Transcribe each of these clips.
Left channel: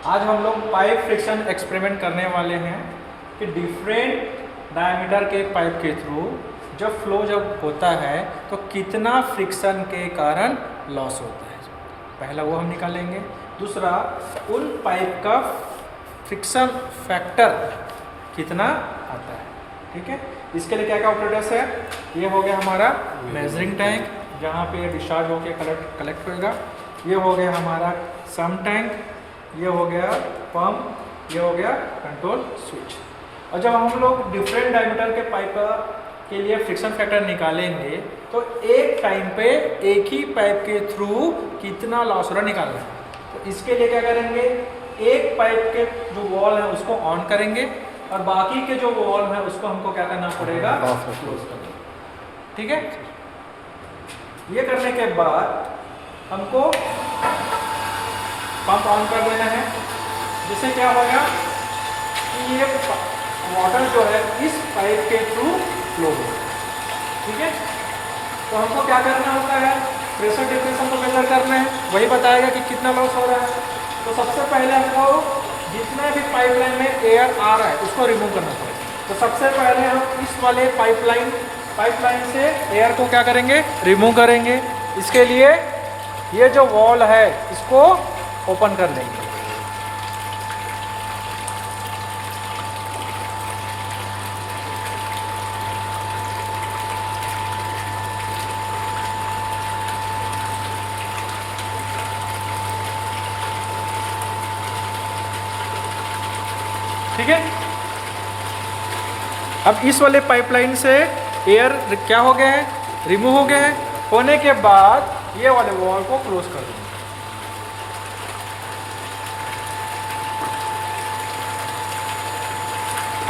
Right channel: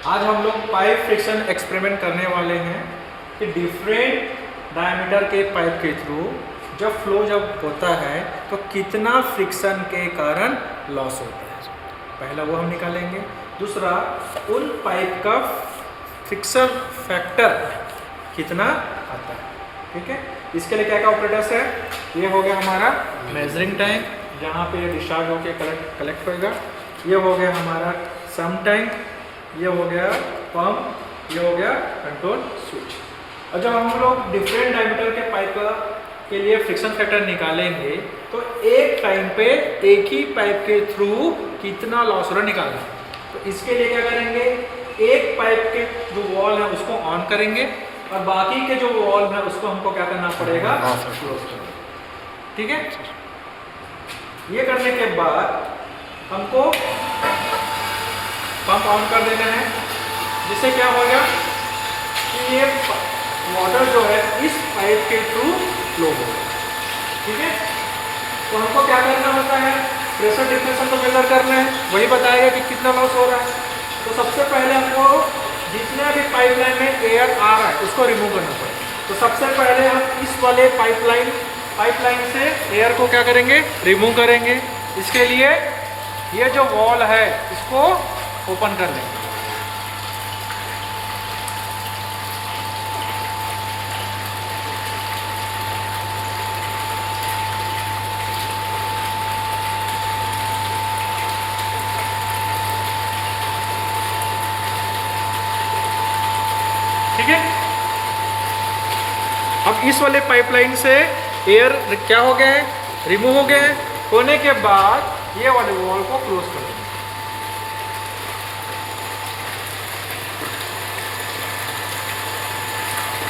आज हम लोग पाइप फ्रिक्शन एक्सपेरिमेंट करने वाले हैं कि डिफरेंट डायमीटर के पाइप के थ्रू जब होता है तो कितना फ्रिक्शन के कारण लॉस होता है। पहला वो हम निकालेंगे। दूसरा, उन पाइप का फ्रिक्शन फैक्टर कितना आता है। ठीक है, इसके लिए क्या क्या ऑपरेटर्स है। ये हो गया हमारा मेजरिंग टैंक, जहाँ पे डिस्चार्ज होकर कलेक्ट होएगा। ये हो गया हमारा सम टैंक, ये हो गया पंप, ये हो गया कंट्रोल स्विच। और जब हम लोग डिफरेंट डायमीटर के पाइप के लिए फ्रिक्शन फैक्टर निकालेंगे तो एक टाइम पे एक ही पाइप के थ्रू कितना लॉस हो रहा निकालना है। तो इसके लिए क्या करेंगे, एक पाइप के जो वॉल है उसको ऑन करेंगे और बाकी के जो वॉल है उसको हमको क्या करना पड़ेगा, क्लोज करना। ठीक है, ये करने के बाद हमको पंप ऑन कर देना है, जिससे क्या हो गया कि ये वाटर जो है इस पाइप के थ्रू फ्लो हो। ठीक है, तो हमको क्या करना होता है, प्रेशर डिफरेंशियल को मेजर करना है, वही बताएगा कि कितना लॉस हो रहा है। तो सबसे पहले हमको जितना भी पाइपलाइन में एयर आ रहा है उसको रिमूव करना पड़ेगा। तो सबसे पहले हम इस वाले पाइपलाइन से एयर को क्या करेंगे, रिमूव करेंगे। इसके लिए ये जो वॉल है इसको ओपन कर देंगे। ठीक है, अब इस वाले पाइपलाइन से एयर क्या हो गया है, रिमूव हो गया है। होने के बाद ये वाले वॉल को क्लोज कर देंगे।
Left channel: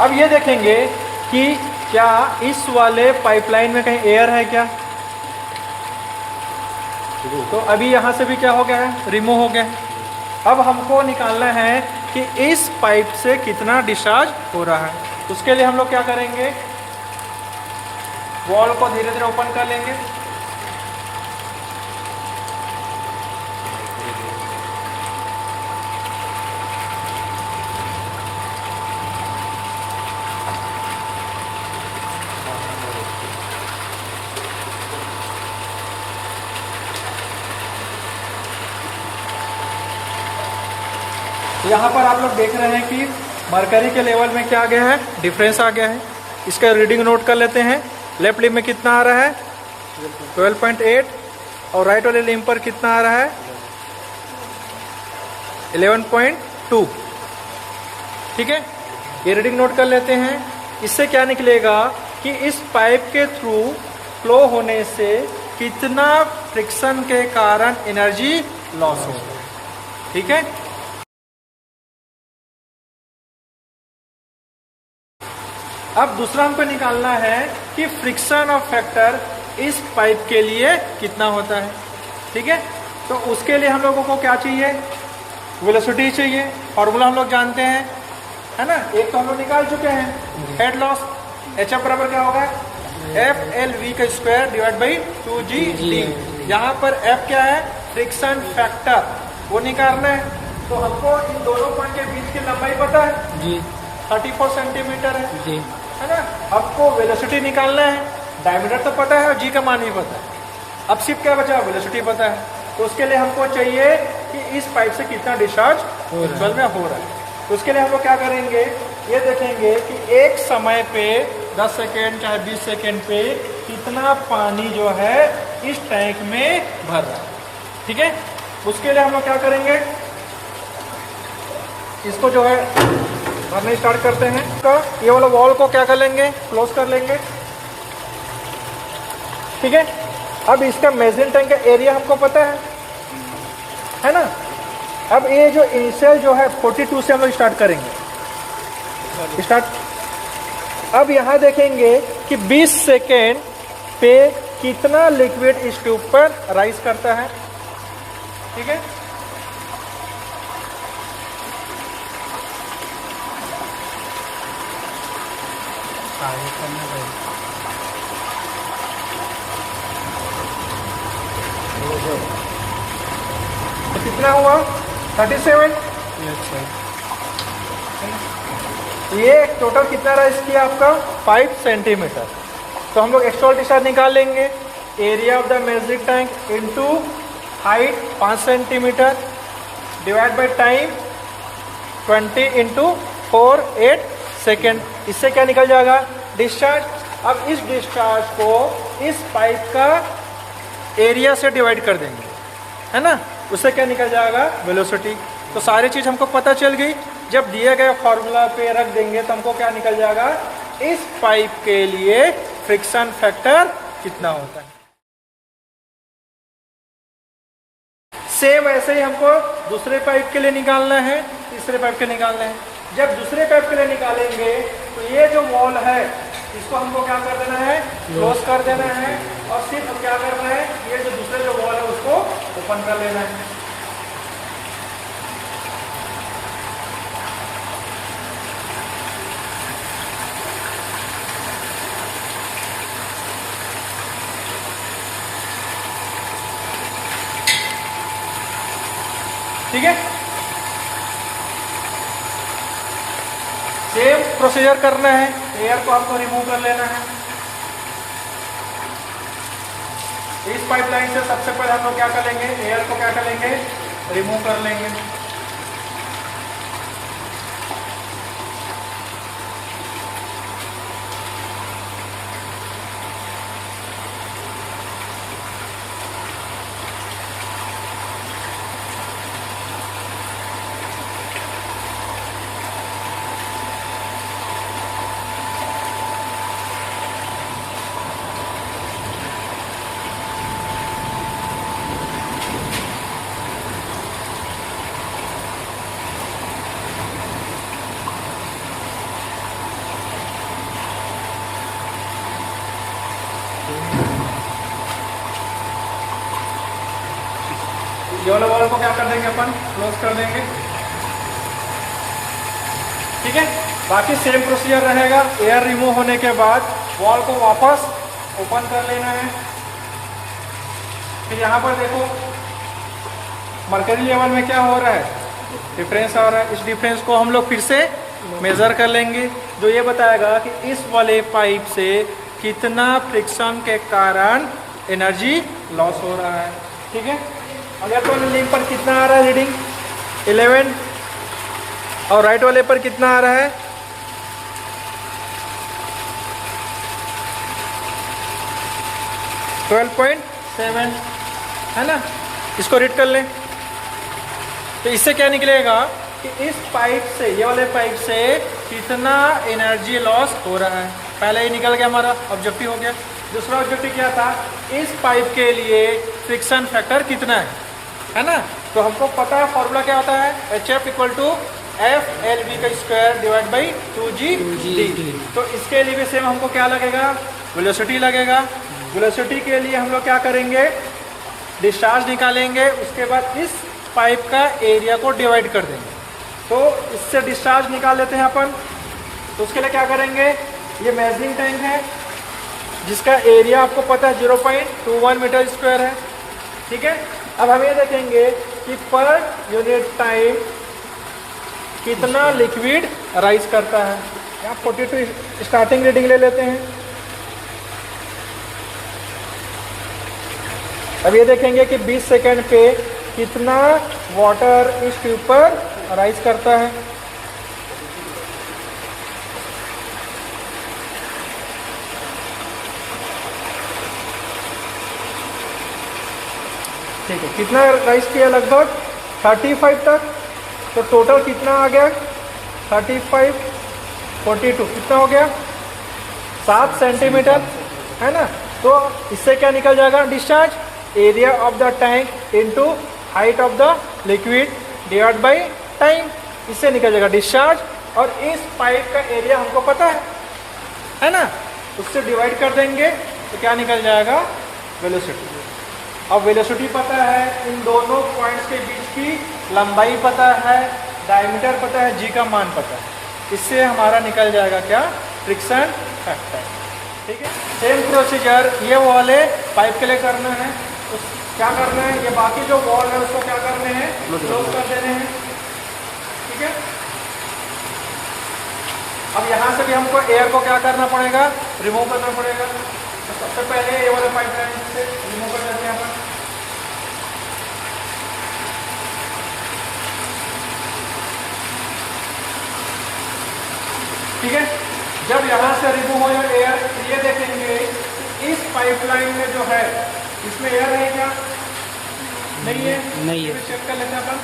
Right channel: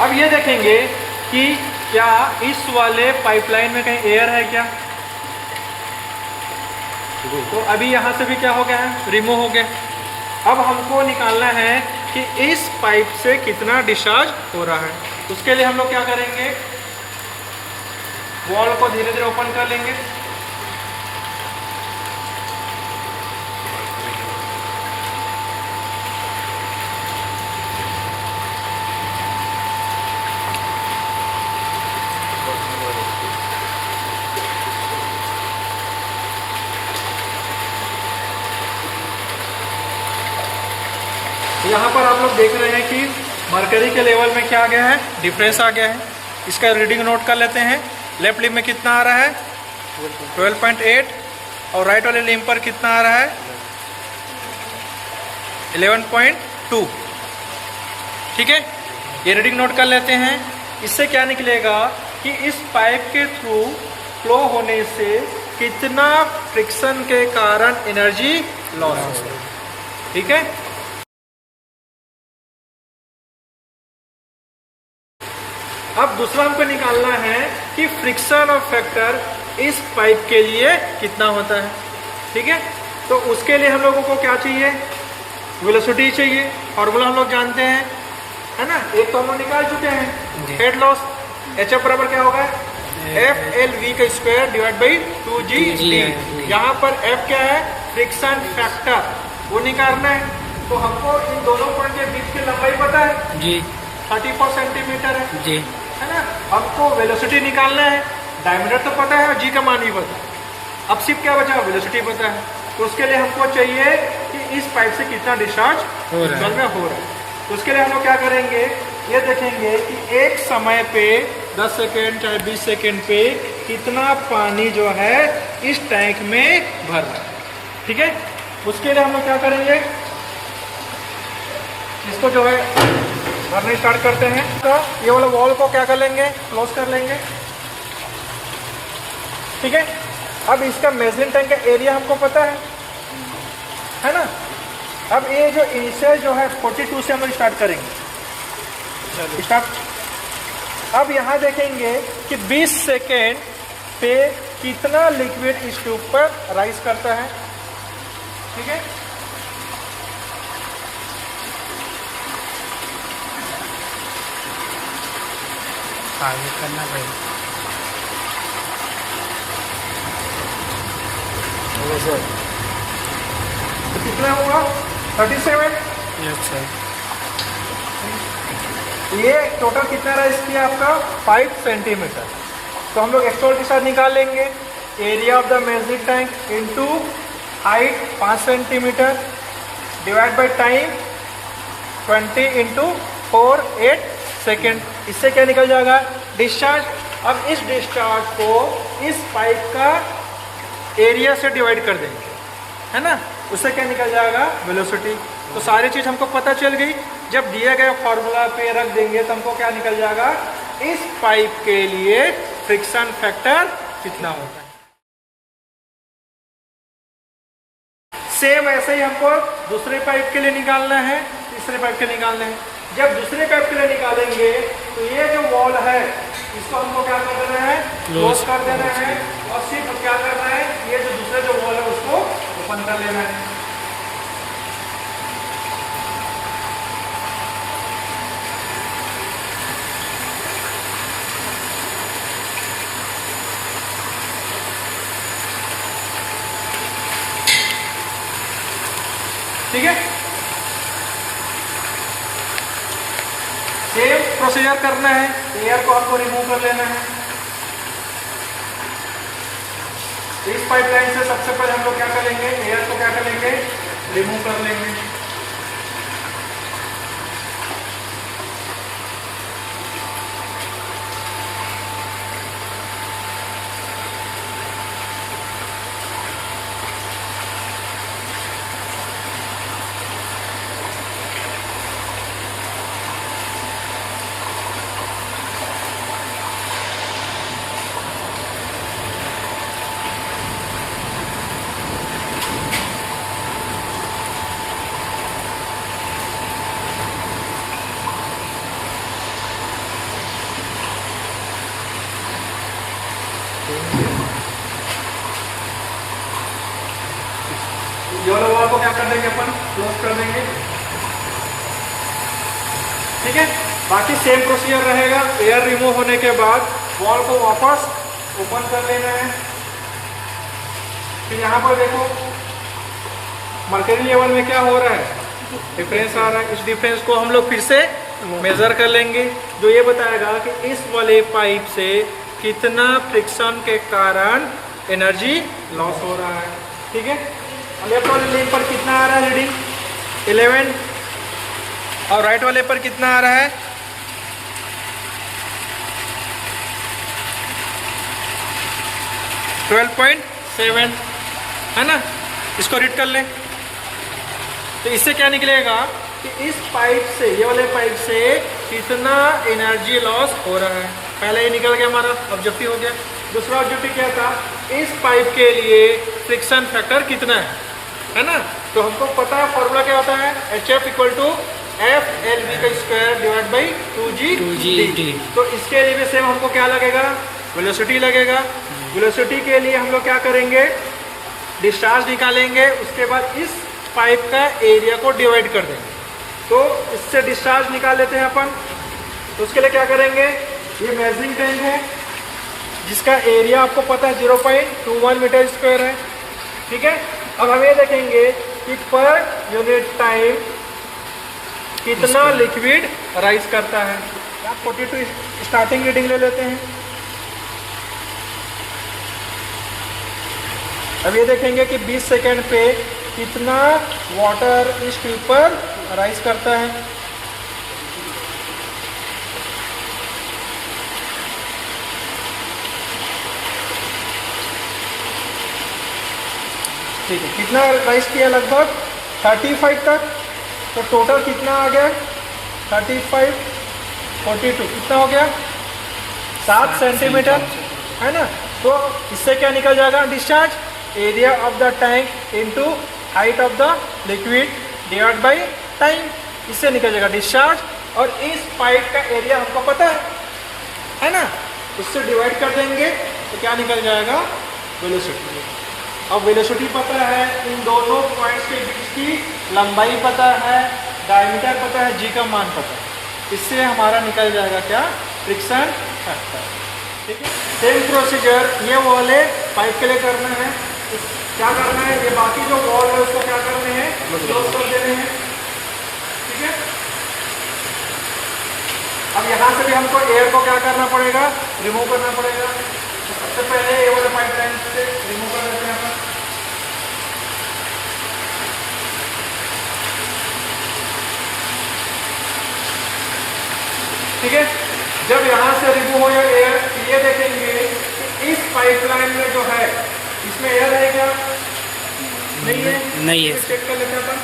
अब ये देखेंगे कि क्या इस वाले पाइपलाइन में कहीं एयर है क्या। तो अभी यहाँ से भी क्या हो गया है, रिमूव हो गया। अब हमको निकालना है कि इस पाइप से कितना डिस्चार्ज हो रहा है। उसके लिए हम लोग क्या करेंगे, वॉल को धीरे धीरे ओपन कर लेंगे। यहाँ पर आप लोग देख रहे हैं कि मरकरी के लेवल में क्या आ गया है, डिफरेंस आ गया है। इसका रीडिंग नोट कर लेते हैं। लेफ्ट लिम्ब में कितना आ रहा है, 12.8, और राइट वाले लिम्ब पर कितना आ रहा है, 11.2। ठीक है, ये रीडिंग नोट कर लेते हैं। इससे क्या निकलेगा कि इस पाइप के थ्रू फ्लो होने से कितना फ्रिक्शन के कारण एनर्जी लॉस हो। ठीक है, अब दूसरा हमको निकालना है कि फ्रिक्शन ऑफ फैक्टर इस पाइप के लिए कितना होता है। ठीक है, तो उसके लिए हम लोगों को क्या चाहिए, वेलोसिटी चाहिए। फॉर्मूला हम लोग जानते हैं, है ना, एक तो हम लोग निकाल चुके हैं, हेड लॉस HF बराबर क्या होगा, FLV का स्क्वायर डिवाइड बाई 2G। यहाँ पर F क्या है, फ्रिक्शन फैक्टर, वो निकालना है। तो हमको इन दोनों पॉइंट के बीच की लंबाई पता है जी, 34 सेंटीमीटर है जी, है ना। आपको वेलोसिटी निकालना है, डायमीटर तो पता है और जी का मान भी पता है। अब सिर्फ क्या बचा, वेलोसिटी पता है। तो उसके लिए हमको चाहिए कि इस पाइप से कितना डिस्चार्ज हो रहा है। उसके लिए हम लोग क्या करेंगे, ये देखेंगे कि एक समय पे 10 सेकेंड चाहे 20 सेकेंड पे कितना पानी जो है इस टैंक में भर रहा है। ठीक है, उसके लिए हम लोग क्या करेंगे, इसको जो है भरना स्टार्ट करते हैं। तो ये वाला वॉल को क्या कर लेंगे, क्लोज कर लेंगे। ठीक है, अब इसका मेजरिंग टैंक का एरिया हमको पता है ना। अब ये जो इनिशियल जो है 42 से हम लोग स्टार्ट करेंगे, स्टार्ट। अब यहाँ देखेंगे कि 20 सेकेंड पे कितना लिक्विड इस ट्यूब पर राइज करता है। ठीक है, आगे करना पड़ेगा। तो कितना हुआ, 37, लेफ्ट साइड। ये टोटल कितना राइज किया आपका 5 सेंटीमीटर। तो हम लोग एक्सट्रा डिस्चार्ज निकाल लेंगे। Area of the measuring tank into height 5 centimetre divide by time 20 into 4 8 second. इससे क्या निकल जाएगा डिस्चार्ज। अब इस डिस्चार्ज को इस पाइप का एरिया से डिवाइड कर देंगे, है ना, उससे क्या निकल जाएगा वेलोसिटी। तो सारी चीज हमको पता चल गई। जब दिए गए फॉर्मूला पे रख देंगे तो हमको क्या निकल जाएगा, इस पाइप के लिए फ्रिक्शन फैक्टर कितना होता है। सेम ऐसे ही हमको दूसरे पाइप के लिए निकालना है, तीसरे पाइप के लिए निकालना है। जब दूसरे पाइप के लिए निकालेंगे तो ये जो वॉल है इसको हमको क्या कर देना है, क्लोज कर देना है। और सिर्फ क्या करना है, ये जो दूसरे जो वॉल है उसको ओपन कर लेना है। ठीक है, सेम प्रोसीजर करना है। एयर को आपको रिमूव कर लेना है। इस पाइपलाइन से सबसे पहले हम लोग क्या करेंगे, एयर को क्या करेंगे, रिमूव कर लेंगे। ये वाला वॉल को क्या कर देंगे, अपन क्लोज कर देंगे। ठीक है, बाकी सेम प्रोसीजर रहेगा। एयर रिमूव होने के बाद वॉल को वापस ओपन कर लेना है। फिर यहाँ पर देखो मर्करी लेवल में क्या हो रहा है, डिफरेंस आ रहा है। इस डिफरेंस को हम लोग फिर से मेजर कर लेंगे, जो ये बताएगा कि इस वाले पाइप से कितना फ्रिक्शन के कारण एनर्जी लॉस हो रहा है। ठीक है, लेफ्ट वाले लिंक पर कितना आ रहा है रीडिंग 11 और राइट वाले पर कितना आ रहा है 12.7, है ना। इसको रीड कर लें। तो इससे क्या निकलेगा कि इस पाइप से, ये वाले पाइप से कितना एनर्जी लॉस हो रहा है। पहले ही निकल गया, हमारा ऑब्जेक्टिव हो गया। दूसरा ऑब्जेक्टिव क्या था, इस पाइप के लिए फ्रिक्शन फैक्टर कितना है ना। तो हमको पता है फॉर्मूला क्या होता है, HF = FLV² divide by 2G। तो इसके लिए भी सेम हमको क्या लगेगा, वेलोसिटी लगेगा। वेलोसिटी के लिए हम लोग क्या करेंगे, डिस्चार्ज निकालेंगे, उसके बाद इस पाइप का एरिया को डिवाइड कर देंगे। तो इससे डिस्चार्ज निकाल लेते हैं अपन। उसके लिए क्या करेंगे, ये मेजरिंग टैंक है जिसका एरिया आपको पता है 0.21 मीटर स्क्वायर है। ठीक है, अब हम ये देखेंगे कि पर यूनिट टाइम कितना लिक्विड राइज करता है। 42 स्टार्टिंग रीडिंग ले लेते हैं। अब ये देखेंगे कि 20 सेकेंड पे कितना वाटर इस ट्यूब पर राइज करता है। ठीक है, कितना राइज किया, लगभग 35 तक। तो टोटल कितना आ गया 35 42 कितना हो गया 7 सेंटीमीटर, है ना। तो इससे क्या निकल जाएगा, discharge area of the tank into height of the liquid divide by time. इससे निकल जाएगा डिस्चार्ज। और इस पाइप का एरिया हमको पता है ना, उससे डिवाइड कर देंगे तो क्या निकल जाएगा, वेलोसिटी। अब वेलोसिटी पता है, इन दोनों पॉइंट्स के बीच की लंबाई पता है, डायमीटर पता है, जी का मान पता है। इससे हमारा निकल जाएगा क्या, फ्रिक्शन फैक्टर। ठीक है, सेम प्रोसीजर ये वाले पाइप के लिए करने हैं। क्या करना है, ये बाकी जो वॉल है उसको क्या करने हैं, क्लोज कर देने हैं। ठीक है। अब यहाँ से भी हमको एयर को क्या करना पड़ेगा, रिमूव करना पड़ेगा। तो सबसे पहले ये वाले पाइपलाइन से रिमूव करना पड़ेगा। ठीक है, जब यहाँ से रिमूव हो जाए एयर, ये देखेंगे इस पाइपलाइन में जो है इसमें एयर है क्या, नहीं है, नहीं है। चेक कर लेना था।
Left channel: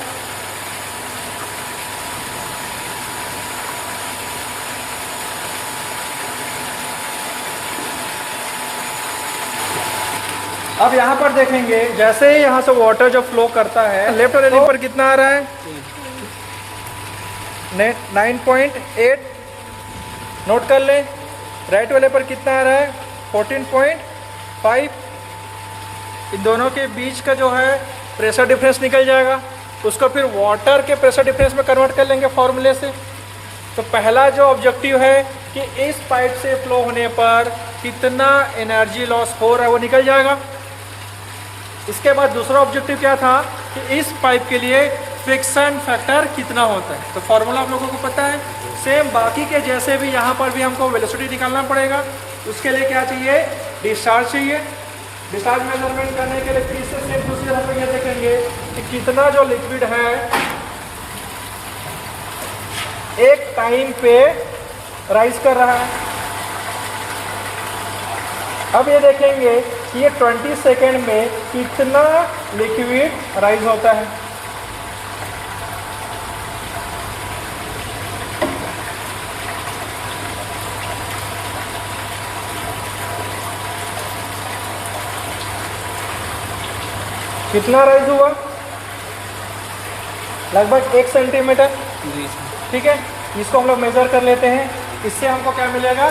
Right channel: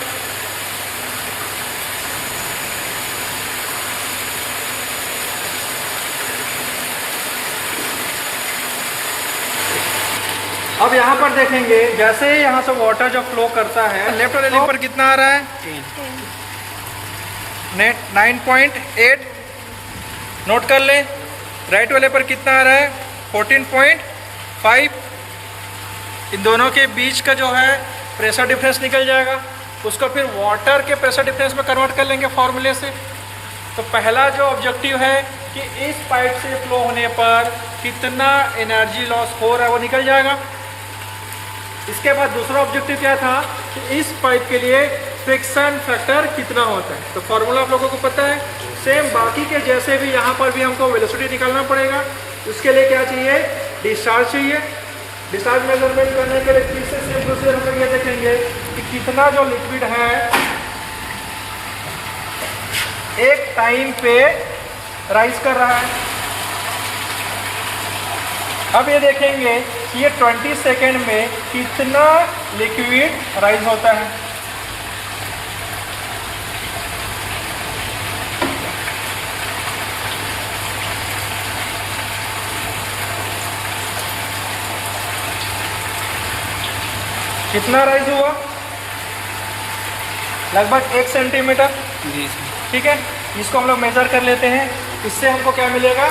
अब यहाँ पर देखेंगे जैसे ही यहाँ से वाटर जब फ्लो करता है, लेफ्ट वाले लिंक पर कितना आ रहा है, 9.8 नोट कर ले। राइट वाले पर कितना आ रहा है, 14.5। इन दोनों के बीच का जो है प्रेशर डिफरेंस निकल जाएगा, उसको फिर वाटर के प्रेशर डिफरेंस में कन्वर्ट कर लेंगे फॉर्मूले से। तो पहला जो ऑब्जेक्टिव है कि इस पाइप से फ्लो होने पर कितना एनर्जी लॉस हो रहा है वो निकल जाएगा। इसके बाद दूसरा ऑब्जेक्टिव क्या था कि इस पाइप के लिए फ्रिक्शन फैक्टर कितना होता है। तो फॉर्मूला आप लोगों को पता है, सेम बाकी के जैसे भी यहाँ पर भी हमको वेलोसिटी निकालना पड़ेगा। उसके लिए क्या चाहिए, डिस्चार्ज चाहिए। डिस्चार्ज मेजरमेंट करने के लिए फिर से सेम प्रोसीजर हम लोग ये देखेंगे कि कितना जो लिक्विड है एक टाइम पे राइज कर रहा है। अब ये देखेंगे कि ये 20 सेकेंड में कितना लिक्विड राइज होता है। कितना राइज हुआ, लगभग 1 सेंटीमीटर। जी। ठीक है, इसको हम लोग मेजर कर लेते हैं। इससे हमको क्या मिलेगा,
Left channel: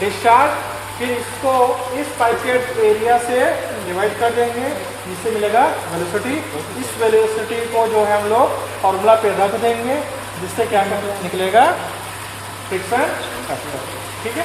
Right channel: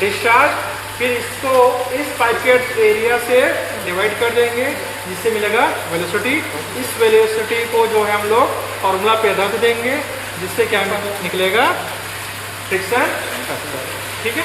डिस्चार्ज। फिर इसको इस पाइप के एरिया से डिवाइड कर देंगे, जिससे मिलेगा वेलोसिटी। इस वेलोसिटी को जो है हम लोग फॉर्मूला पे रख देंगे, जिससे क्या निकलेगा, फ्रिक्शन। ठीक है।